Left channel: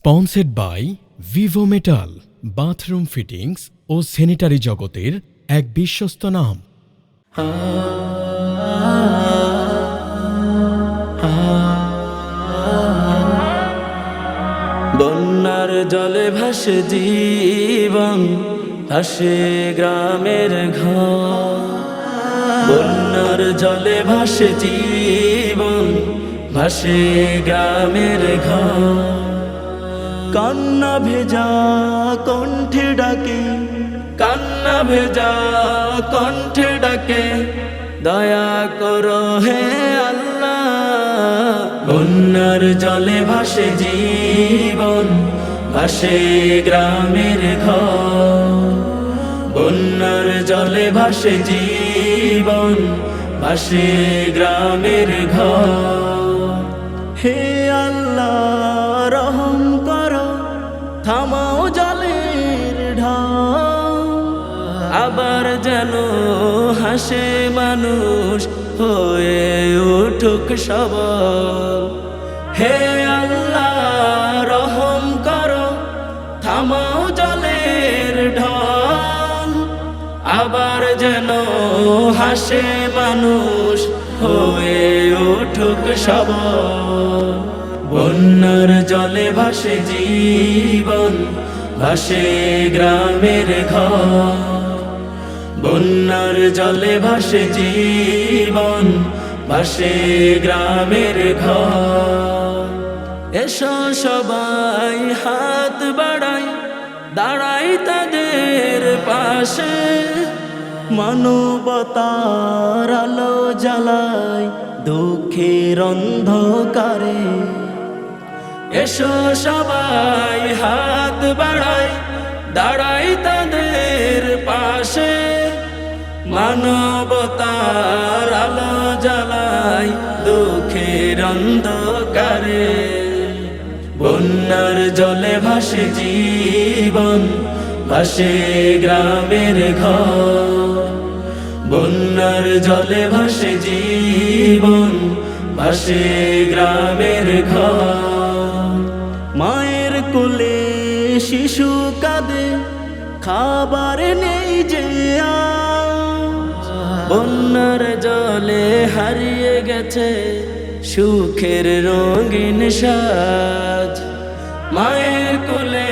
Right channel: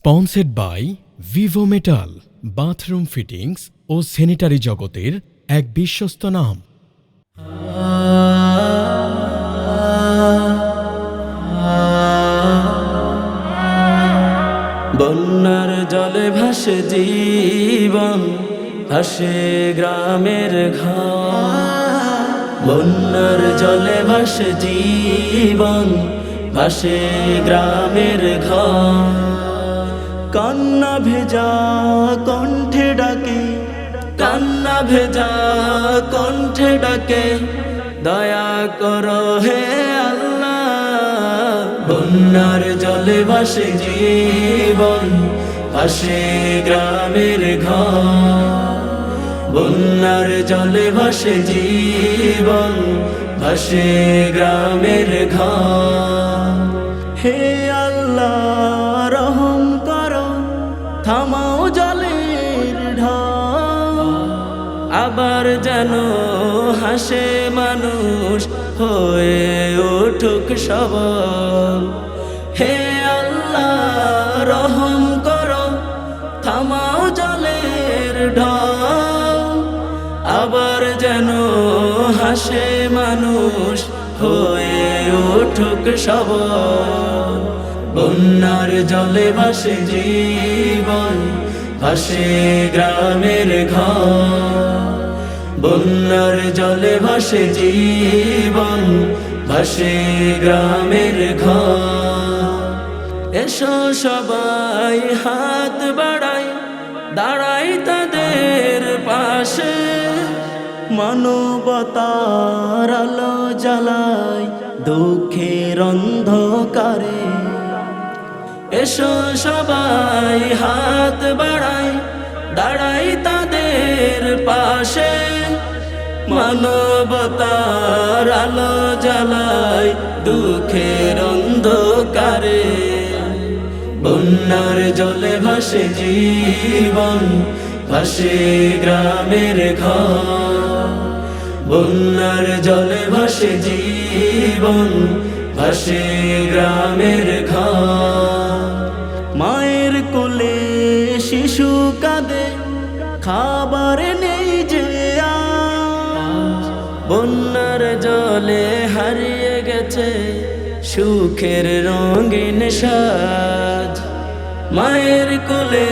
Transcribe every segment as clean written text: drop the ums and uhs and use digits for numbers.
Sponsored by Vivo metal, bathroom fittings ও sanitary জগতের এক বিশ্বস্ত নাম। বন্যার জলে ভাসে জীবন, ভাসে গ্রামের ঘর। বন্যার জলে ভাসে জীবন, ভাসে গ্রামের ঘর। কান্না ভেজা কণ্ঠে ডাকে, কান্না ভেজা কণ্ঠে ডাকে, দয়া করো হে আল্লাহ। বন্যার জলে ভাসে জীবন, ভাসে গ্রামের ঘর। বন্যার জলে ভাসে জীবন, ভাসে গ্রামের ঘর। হে আল্লাহ রহম করো, থামাও জলের ঢল। আবার যেন হাসে মানুষ, হয়ে উঠুক সবল। হে আল্লাহ রহম করো, থামাও জলের ঢল। আবার যেন হাসে মানুষ, হয়ে উঠুক সবল। বন্যার জলে ভাসে জীবন, ভাসে গ্রামের ঘর। বন্যার জলে ভাসে জীবন, ভাসে গ্রামের ঘর। এসো সবাই হাত বাড়াই, দাঁড়াই তাদের পাশে। মানবতার আলো জ্বালাই দুঃখের অন্ধকারে। এসো সবাই হাত বাড়াই, দাঁড়াই তাদের পাশে। মানবতার আলো জ্বালাই দুঃখের অন্ধকারে। বন্যার জলে ভাসে জীবন, ভাসে গ্রামের ঘর। বন্যার জলে ভাসে জীবন, ভাসে গ্রামের ঘর। মায়ের কোলে শিশু কাঁদে, খাবার নেই যে আজ। বন্যার জলে হারিয়ে গেছে সুখের রঙিন সাজ। মায়ের কোলে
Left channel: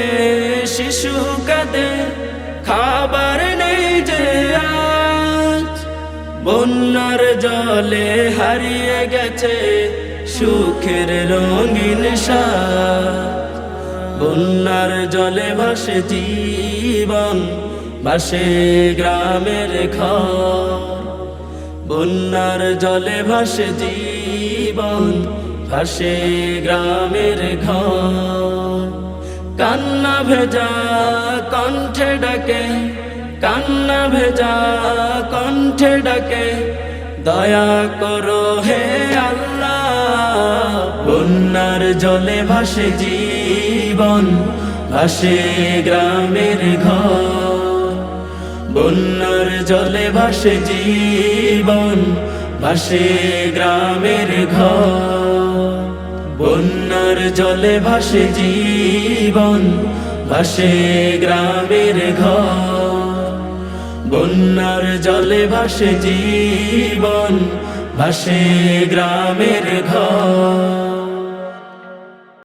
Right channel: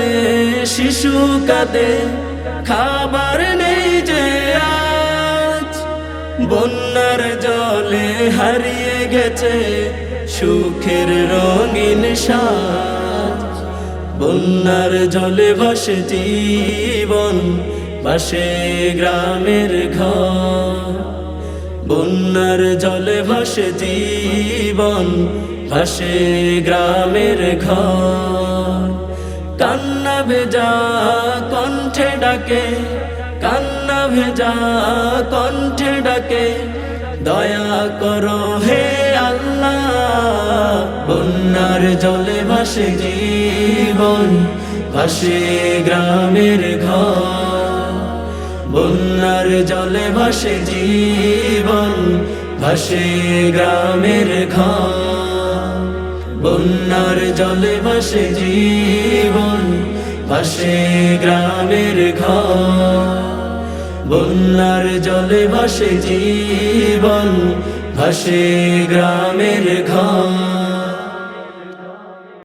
শিশু কাঁদে, খাবার নেই যে আজ। বন্যার জলে হারিয়ে গেছে সুখের রঙিন সাজ। বন্যার জলে ভাসে জীবন, ভাসে গ্রামের ঘর। বন্যার জলে ভাসে জীবন, ভাসে গ্রামের ঘর। কান্না ভেজা কণ্ঠে ডাকে, কান্না ভেজা কণ্ঠে ডাকে, দয়া করো হে আল্লাহ। বন্যার জলে ভাসে জীবন, ভাসে গ্রামের ঘর। বন্যার জলে ভাসে জীবন, ভাসে গ্রামের ঘর। বন্যার জলে ভাসে জীবন, ভাসে গ্রামের ঘর। বন্যার জলে ভাসে জীবন, ভাসে গ্রামের ঘর।